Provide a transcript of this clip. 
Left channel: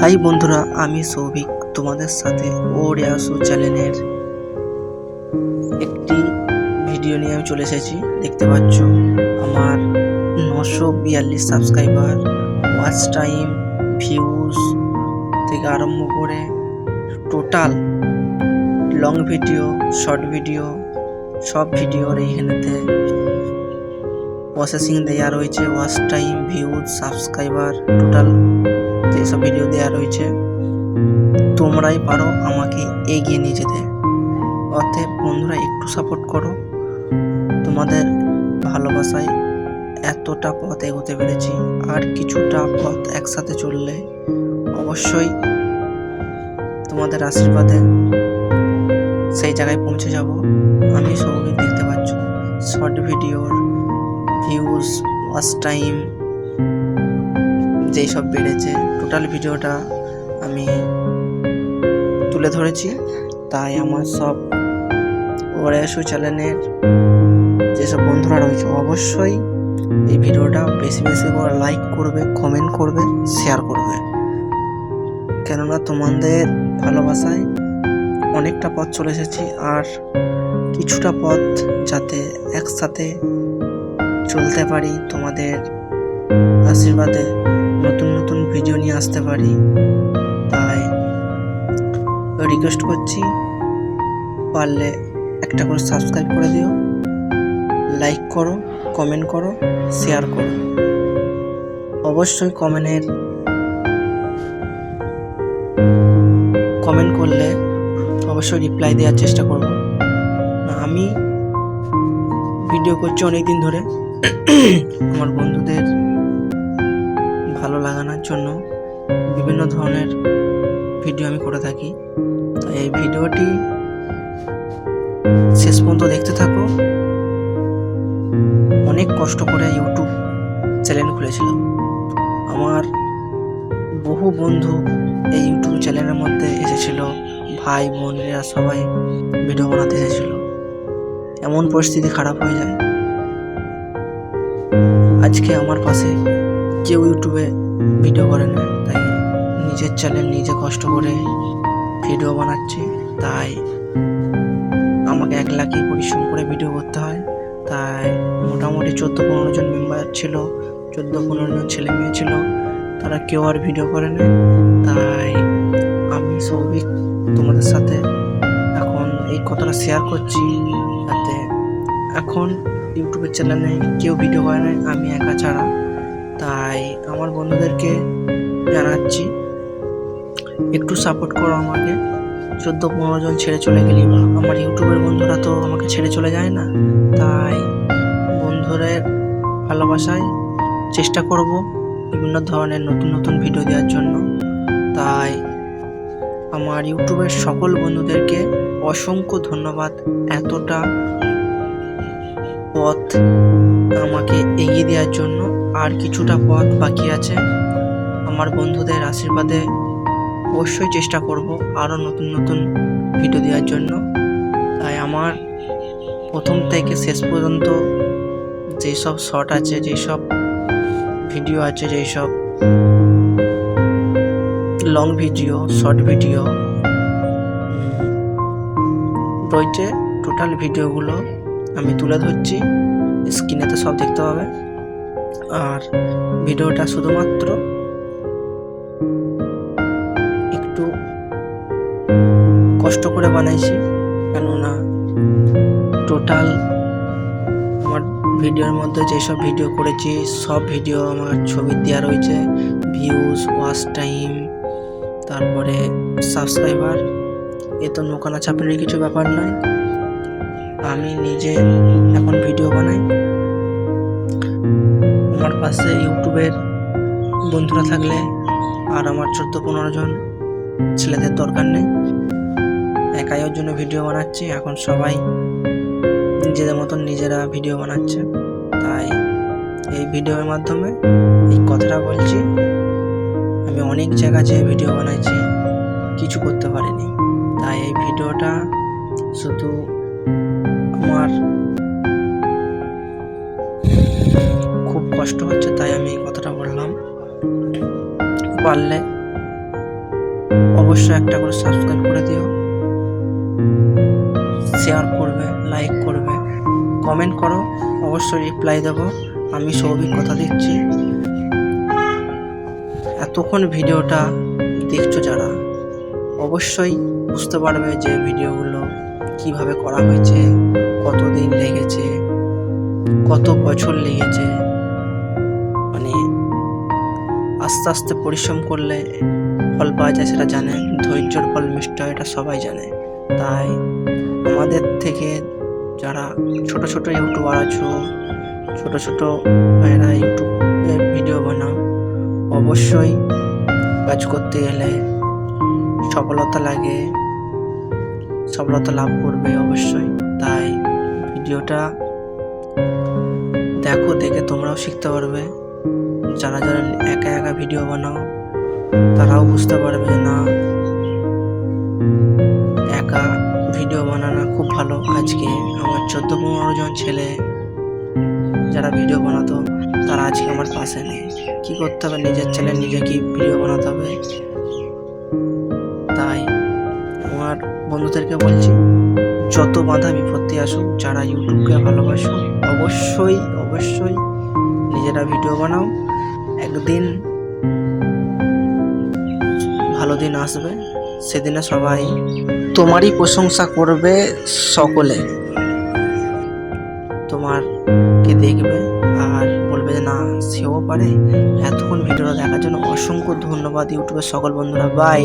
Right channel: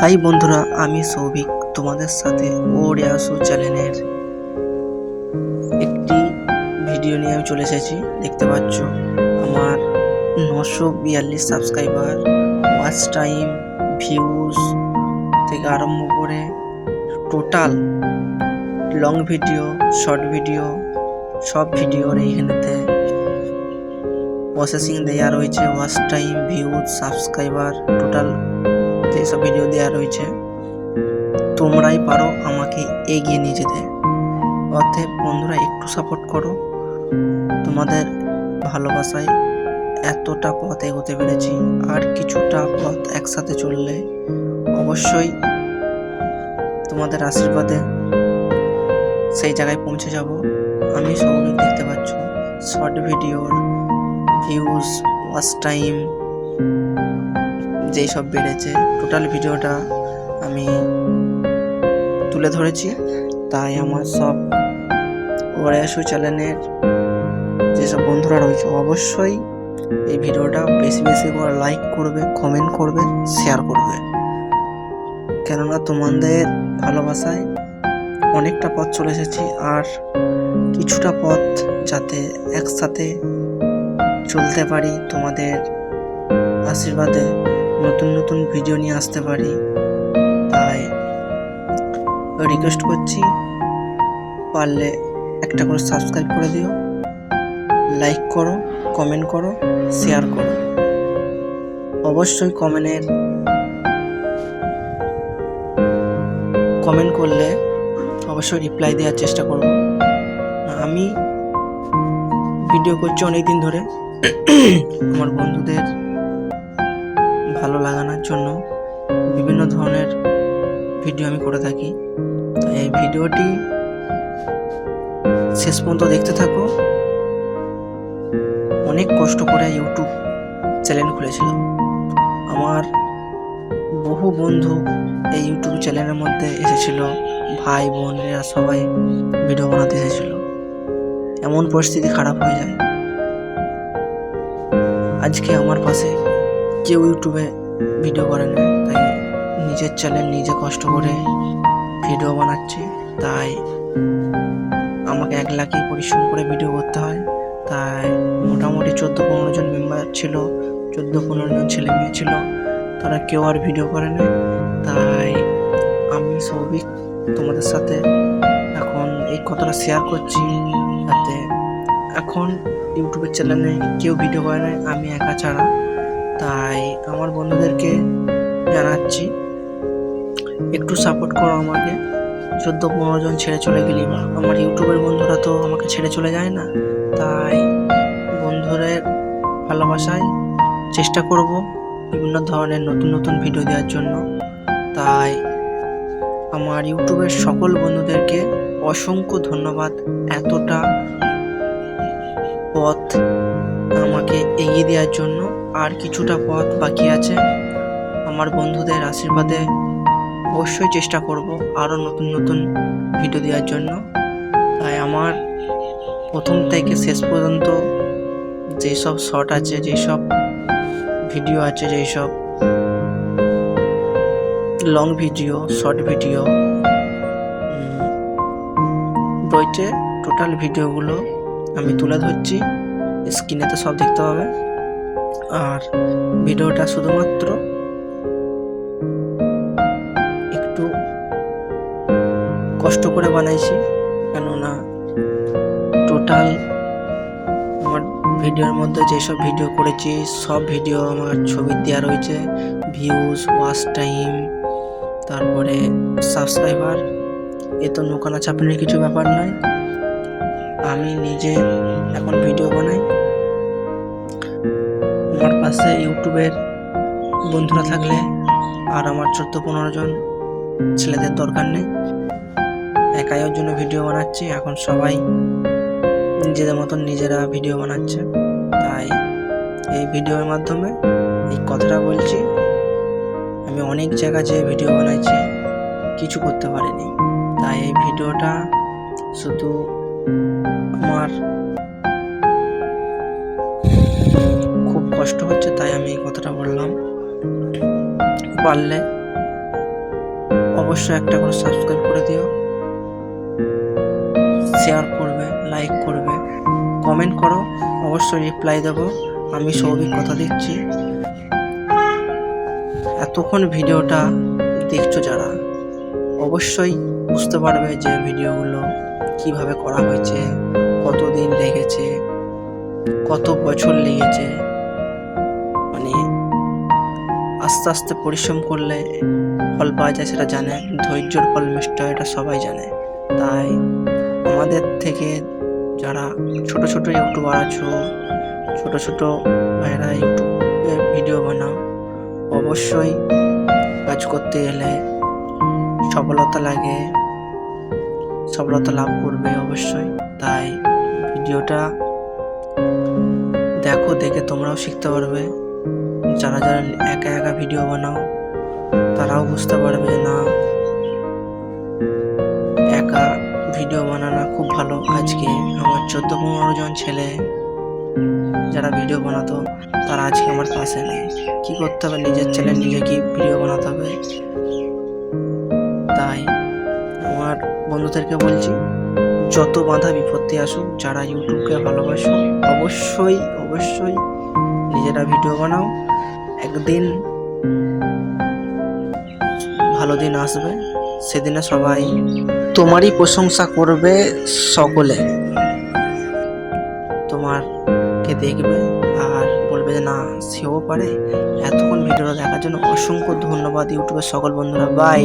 High বন্ধুরা, আমি সৌভিক তোমাদের সাথে ওরিয়াসু চ্যানেলের একটি ভিডিও নিয়ে আমি চলে এসেছি। দেখতে পাচ্ছ আমার 942 সাবস্ক্রাইবার, ওয়াচ টাইম, ভিউজ থেকে আরম্ভ করে total long video, short video, সব ভিডিওর এইখানেতে প্রসেসিং দেওয়া রয়েছে। Watch time, views, subscriber, total যেসব ভিডিও দেওয়া রয়েছে। তোমরাই পারো আমাকে এগিয়ে নিয়ে যেতে। অতএব বন্ধুরা, একটু সাপোর্ট করো। তোমাদের ভালোবাসায় এতটা পথ এগোতে পেরেছি, আর কিছুটা পথ একসাথে চললে অবশ্যই তোমাদের আশীর্বাদে সেই জায়গায় পৌঁছে যাব। আমি সৌভিক, দেখতে পাচ্ছ শর্ট ভিডিওর ভিউজ, ওয়াচ টাইম যেই সব বেড়েছে, টোটাল ভিডিওটা আমি তুলে ধরেছি। তাই আমার সব ওরিয়াসু চ্যানেলের যেসব বন্ধুরা রয়েছে অবশ্যই এই ভিডিওটা বেশি বেশি করে লাইক করবে, কমেন্ট করবে, শেয়ার করবে। কেননা তোমাদের ভালোবাসায় অনেকটা পথ চলে এসেছি, আর কিছুটা পথ যাতে একসাথে চলতে পারি, তোমাদের আশীর্বাদে নতুন নতুন ভিডিও নিয়ে আসতে পারি। তাই রিকোয়েস্ট করছি, পারলে একটা করে সাবস্ক্রাইব করে দিও, লাইক করো, কমেন্ট করো, শেয়ার করো। অবশ্যই কমেন্ট করলে অবশ্যই রিপ্লাই দেওয়ার চেষ্টা করব। আমি ভিডিও করছি অনেক দিন ধরে, আমার বন্ধুদের ভালো লাগানোর জন্য বিভিন্ন ধরনের ভিডিও আমি করে থাকি। তাই এই ভিডিওটি শেষ পর্যন্ত দেখতে থাকো। অনেক কষ্ট করে ইউটিউব চ্যানেল খুলেছিলাম। আমার বহু বন্ধু এই ইউটিউব চ্যানেলের মধ্যে এসেছিল, ভাই বোনেরা সবাই ভিডিও বানাতে এসেছিল। এমন পরিস্থিতি খারাপ হয়ে যায়, আজকে আমার পাশে কেউ ইউটিউবে ভিডিও করে না। তাই নিজের চ্যানেল নিজে কষ্ট করে ভিডিও বানাচ্ছি। তাই আমাকে একলাকেই পরিশ্রম করে ভিডিও করতে হয়। তাই মোটামুটি 14-15 জন মেম্বার ছিল, 14-15 জন ছেলে মেয়ে ছিল, তারা কেউ আর ভিডিও করে না। তাই আমি সৌভিক তোমাদের সাথে এখন এই কথাটা শেয়ার করছি, যাতে এখন ইউটিউবের চ্যানেলে কেউ ভিডিও করে না, আমি একা ছাড়া। তাই আমার বন্ধুদেরকে জানাচ্ছি, একটু সাপোর্ট করো আমাকে। 14-15 জন ছেড়ে চলে গেলি, বা আমার ইউটিউবের বন্ধুরা তো আমাকে ছেড়ে চলে যায় না। তাই বন্ধুদের ভালোবাসায় চেষ্টা করব বিভিন্ন ধরনের নতুন নতুন ভিডিও দেওয়ার জন্য। তাই আমার ইউটিউবের সকল বন্ধুদেরকে অসংখ্য ধন্যবাদ, এতটা পথ আমাকে এগিয়ে দেওয়ার জন্য। আর কিছুটা পথ বাকি আছে, আমার বন্ধুদের আশীর্বাদে অবশ্যই চেষ্টা করব আরও নতুন নতুন ভিডিও দেওয়ার জন্য। তাই আমার প্রথম থেকে শেষ পর্যন্ত যেসব শর্ট আছে, যেসব ভিডিও আছে, যেসব লং ভিডিও, শর্ট ভিডিও রয়েছে, টোটাল ভিডিওগুলো আমি তুলে ধরছি। স্ক্রিনেতে সব দেখতে পাবে। আর ভিডিওটা শুধুমাত্র একটু কষ্ট করে বানাইছি, কেননা টোটাল আমার ভিডিওর মধ্যে যেসব ভিডিও করেছি সব ভিডিও আমার ছবি দেওয়া রয়েছে, ভিউজ, ওয়াচ টাইম, তারপরে সাবস্ক্রাইবার। এ তো নোকানা চাপানোর কিছু ব্যাপার নয়। আমি নিজে এখন ভিডিও বানাই, আমার পাশে ইউটিউবের বন্ধুরা থাকলে আর আমার 14-15 জন ছেলেদের দরকার নেই। একাই ওর জন্য ভিডিও বানাচ্ছি। এখন সবাই নিজেদের মতন নিজেরা ভিডিও বানাচ্ছে। তাই এই ভিডিওর মাধ্যমে এই কথাটা বলছি, আমি অনেক জায়গা যেয়ে ভিডিও বানাইছি, কিছু করতে পারিনি। তাই এই ভিডিওটা শুধু আমার খুব কষ্ট হচ্ছে, তাই আমি এই কথাটা বললাম। পারলে অবশ্যই একটা করে সাবস্ক্রাইব করে দিও, শেয়ার করবে, লাইক করবে, কমেন্ট করো, অবশ্যই রিপ্লাই দেবো। আমি সৌভিক কথা দিচ্ছি। এতক্ষণ ভিডিওটা দেখছো যারা, অবশ্যই বুঝতে পারবে যে ভিডিওগুলো কিভাবে করা হয়েছে, কতদিন লেগেছে, কত বছর লেগেছে। মানে আস্তে আস্তে পরিশ্রম করলে ফল পাওয়া যায়, সেটা জানে। ধৈর্যর ফল মিষ্টি হয়, এটা সবাই জানে। তাই আমাদের থেকে যারা ছোট ছোট ইউটিউবার আছো, ছোট ছোট ভাইরা ইউটিউবে ভিডিও বানাও, অবশ্যই কাজ করতে গেলে সফলতা লাগে, সফলতা লাভ করবে অবশ্যই। তাই ভিডিওটা দেখো, দেখে তোমরাও শিখতে পারবে। যারা যারা একা একা ভিডিও বানাও তারাও বুঝতে পারবে যে না, একা ভিডিও বানানো খুব ভালো। আজকে আমার 14-15 জন ছেলে যারা ভিডিও বানাতো, তারা আজকে আমার পাশে নেই। কি করতে হবে, নিজের চ্যানেল নিজে কি ভিডিও বানাতে হবে। তাই আমার বন্ধুদেরকে বলছি, যত বাধা বিপত্তি আসুক, যারা ইউটিউবকে ভালোবাসো, অবশ্যই অবশ্যই নিজেরা ভিডিও বানাও। একদিন ভালো দিন আসবে, সেদিনে সবাই তোমারই প্রশংসা করবে, সকলে তোমারকে দেখবে আর বলবে যে না, সেও পারে। এতক্ষণ ভিডিওটা দেখার জন্য অসংখ্য ধন্যবাদ ইউটিউবের সকল বন্ধুরা। বাই।